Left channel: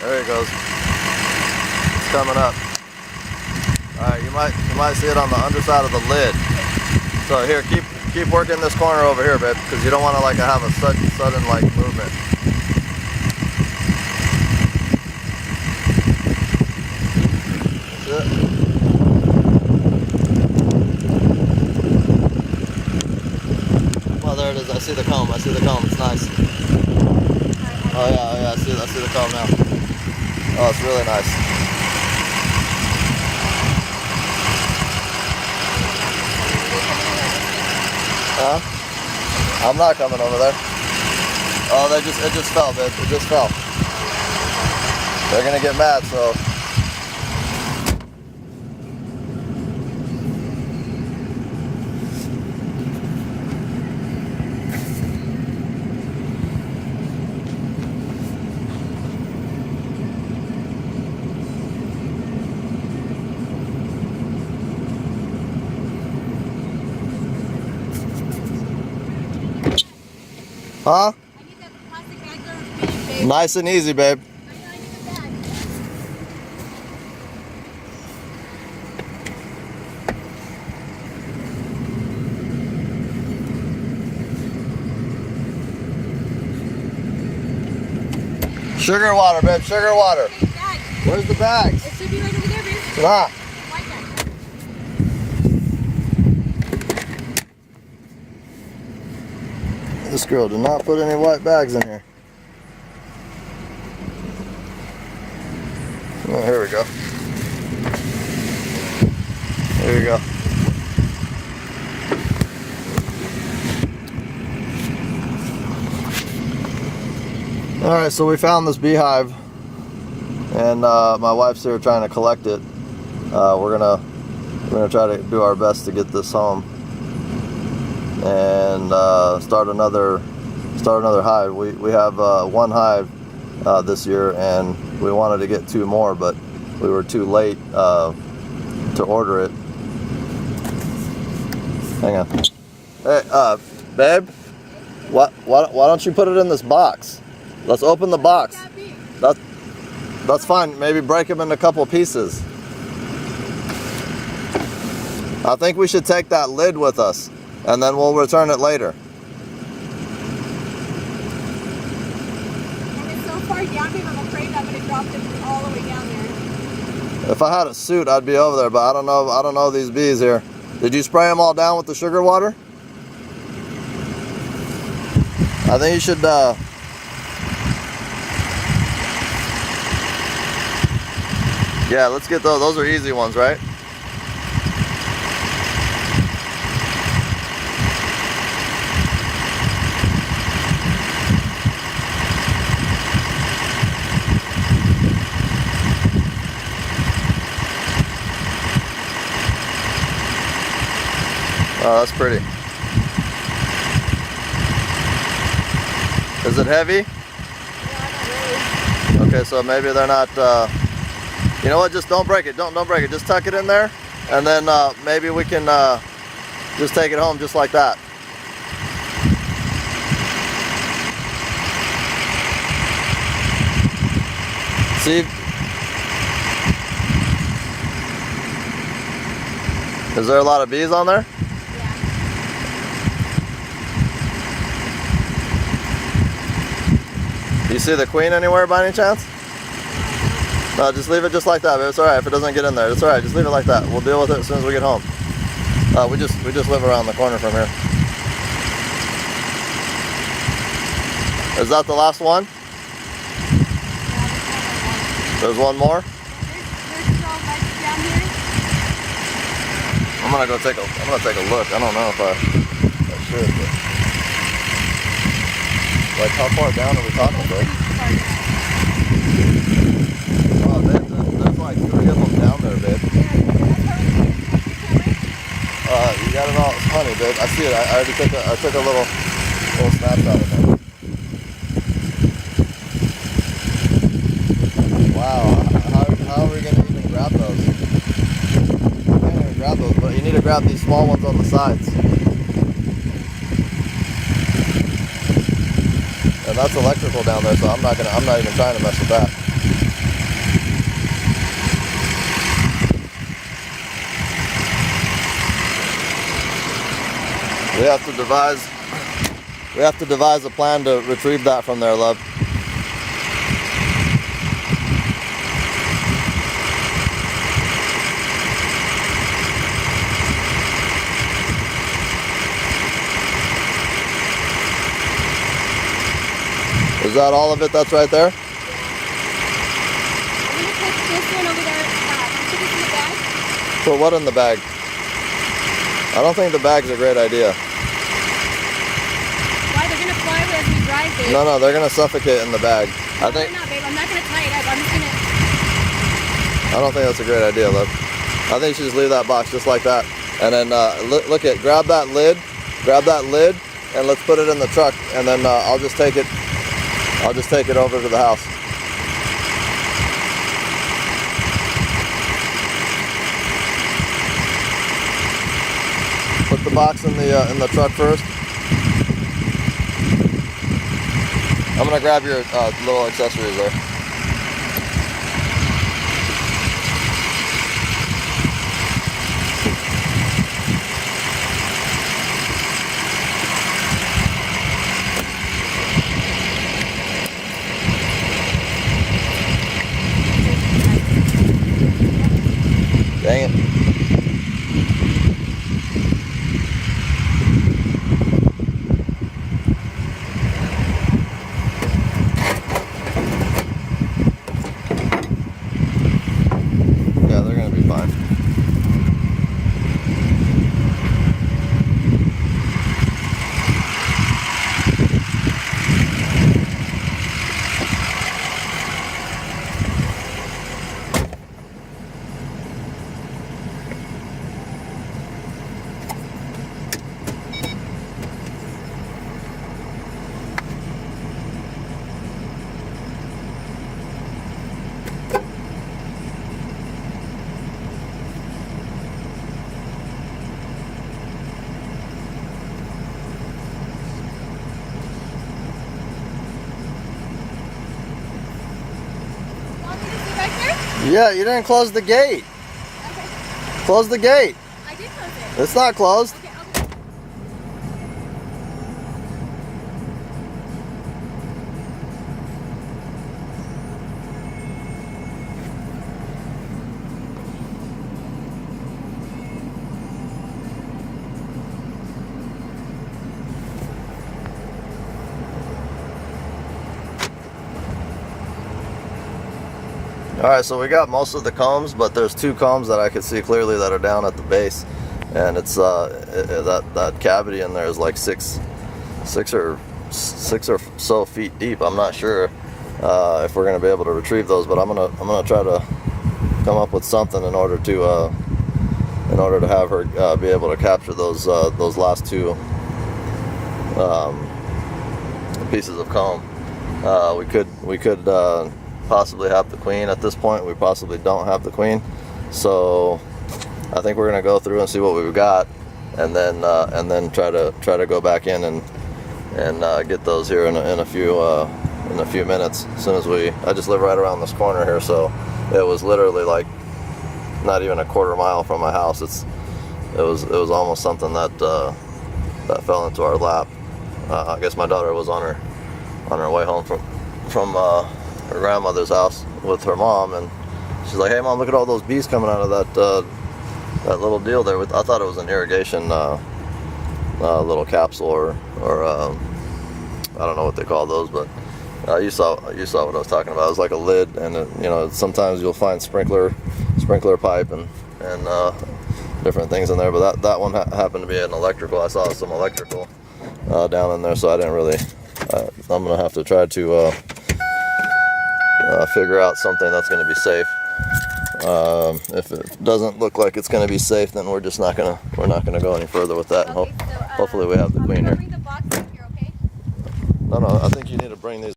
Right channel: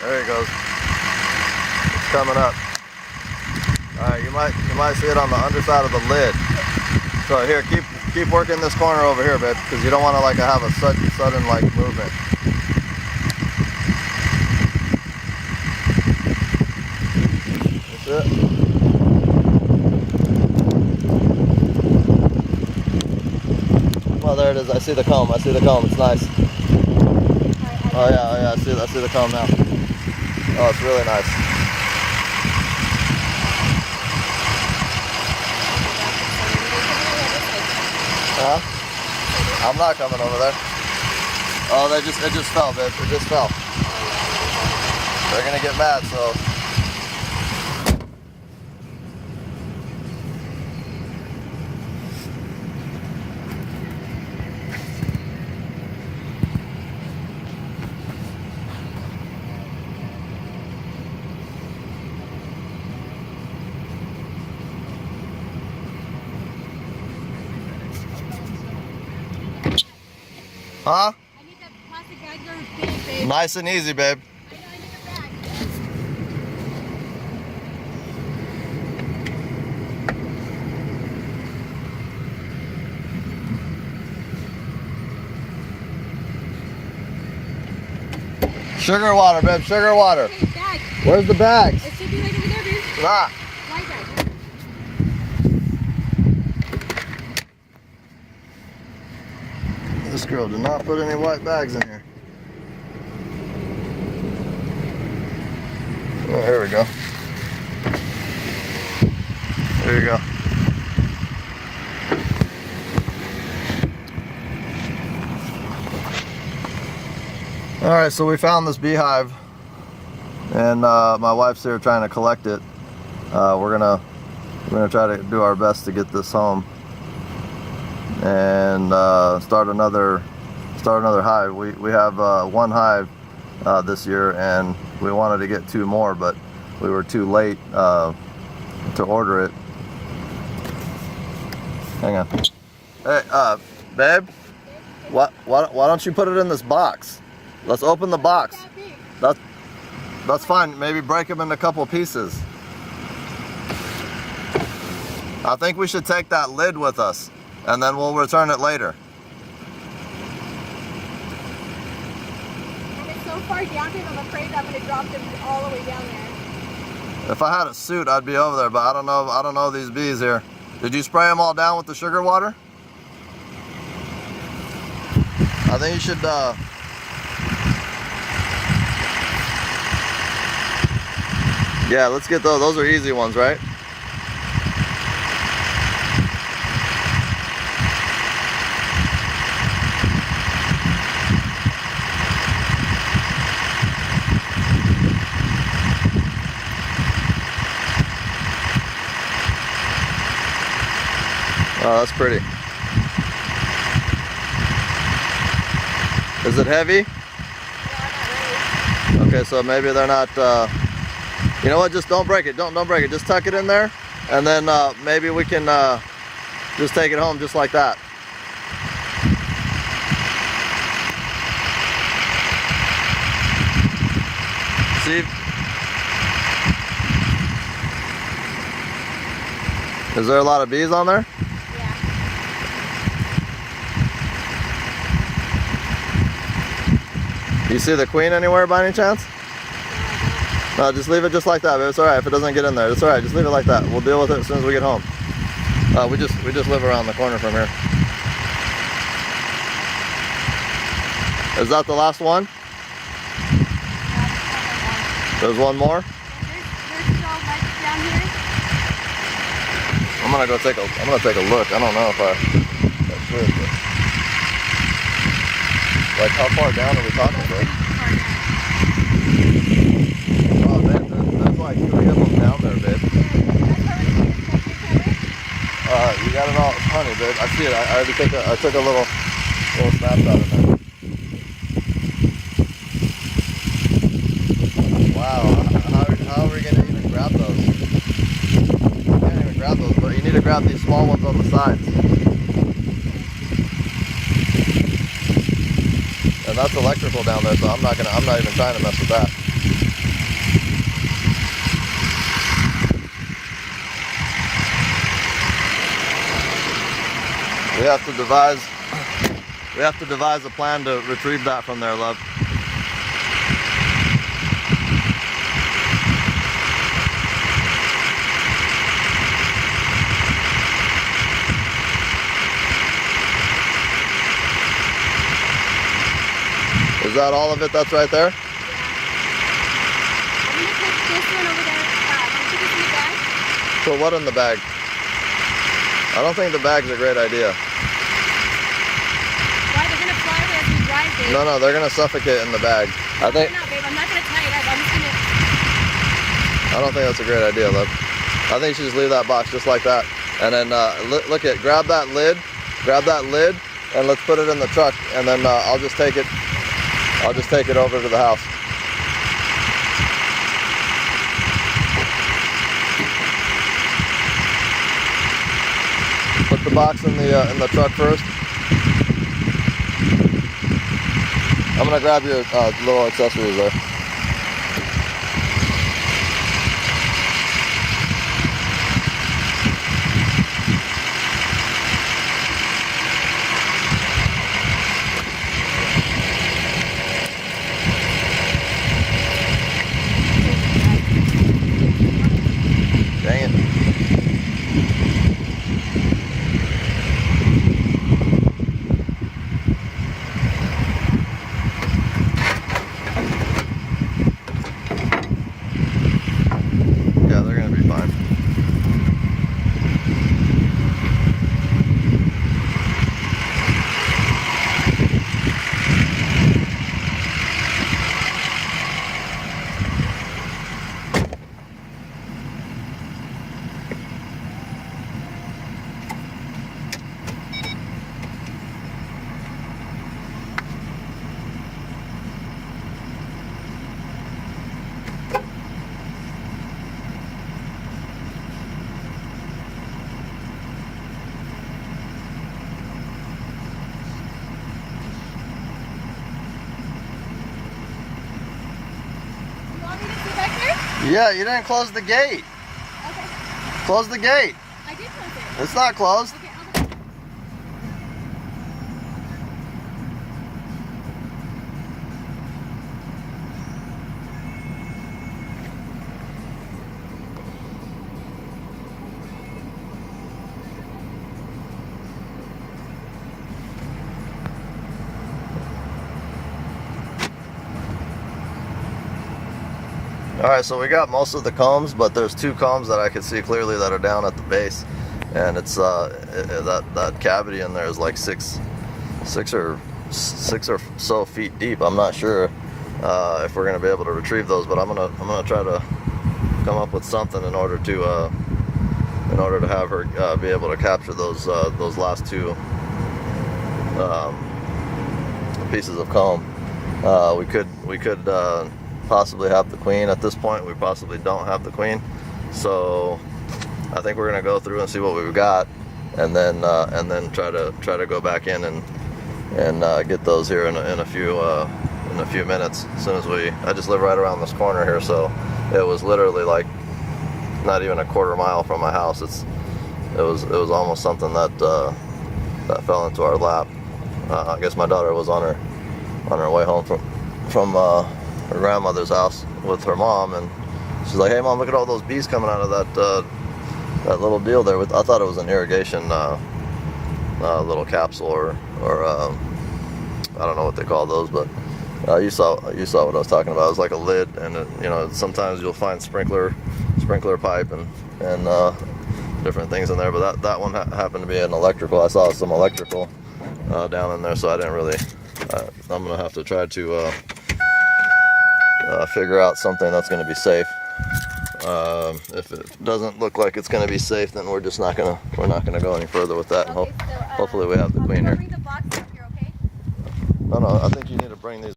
There he goes. It's coming up. All right, you might see it on the underside of the lid. So here, keep working this corner over here, babe, because you don't want to like have a sudden like movement. That's it. Well, there it is. I see the comb. I see the comb. It's nice. Oh yeah. I see the comb now. Oh, it's really nice. Huh? I'm not coming over there. Oh, it just fell, babe. It just fell. They're gonna get mad, so. Huh? I need that plastic bag there big, babe. Nice and easy, babe. I need the bag. Sugar water, babe. Sugar water. Okay, bag. Where's the bags? It should be right over there, dude. It's not. White bag. This girl did not put any white bags in here. Oh, here we go. There you go. All right, so we found this beehive, and my wife's here trying to collect it. We're gonna try to do our best to get this home and start another hive. We have one hive this year, and we wanted to get 2 more, but we were too late to order it. Hang on. Hey, babe, why don't you put it in this box? Let's open the box. That's fine. Maybe break them into a couple pieces. I think we should take that lid with us, and then we'll return it later. And it's so far down here, I'm afraid I'm going to drop it all the way down here. If I had a suit, I'd be over there, but I don't know these bees here. Did you spray them all down with the sugar water? I think you should, yeah, let's get those. Those are easy ones, right? Oh, that's pretty. Is it heavy? No, not really. Okay, so maybe they're not, you know what, just don't break it. Don't break it. Just tuck it in there, and then maybe we can just take it home just like that. See? Is there a lot of bees on there? Yeah. Do you see the queen anywhere by any chance? No, just leave it just like that, babe. It's alright if it doesn't get in there. It's alright, just leave it like that. We'll deal with it as soon as we get home. We just live around the corner from here. Is that the last one? There's one more? There's so much down here. I'm gonna take a look. I don't know if I should, but like how far down are we talking, babe? Oh, babe, there's like 3 of them down there, babe. You got it all, honey, babe. I see it. I already took a little snapshot of it. Wow, how are we gonna even grab those? You can't even grab those, but you need to grab these small ones on the sides. And that's electrical down there, so I'm not even trying to mess with that. We have to devise a plan to retrieve that from there, love. Is that all of it that's right there? Yeah. I'm gonna put this one over there. I'll put this in the bag. Put what in the bag? I don't think the bag's a great idea. Why? They're gonna fly away as we drive, babe. No, they're gonna suffocate in the bag. No, they're not, babe. I'm not gonna tie it up. I'm just gonna. I don't think that's a great idea, love. I think you should just leave that box just like that. And then grab that lid, and let's put it in the truck. And then I'll just take it over to the house. Put the box in the truck first. I'm gonna grab your little accessories there. Dang it. Yeah, they're gonna be fine. Yeah, you didn't close the gate. Okay. Close the gate. I did close it. It's not closed. Okay, Alright, so we got most of the combs, but there's two combs that I could see clearly that are down at the base. And it's that cavity in there is like six or so feet deep. I'm not sure if we're gonna be able to retrieve those, but I'm gonna try to come up with something in order to have her be able to capture those last two pieces of comb. We could possibly have the queen at this point. We possibly don't have the queen, so I think we're gonna go through and see what we've got, and then try to go back in and get those here in a few minutes. As soon as I just live right around this corner here, so it was literally like not even a quarter mile from my house. It was almost something that fell into our lap. I guess my daughter was on her way home from her grandmother's house with her mom, and she's like, "Hey mom, look at all those bees coming out of that little deal there." I thought it was an irrigation little capsule or I don't know what they call those, but you saw what I was talking about. It was like a lid, and sometimes you'll find sprinkler pipe and different things in there, but that one happened to be an electrical. I saw some electrical down in there, so I didn't really. I'm gonna have to try to figure out something that's going to be safe. If it doesn't look like it's going to be safe, then we're not going to go any further with that. Okay, Hopefully we have the queen here. Bring the box up here, okay? No, I think you need to bring these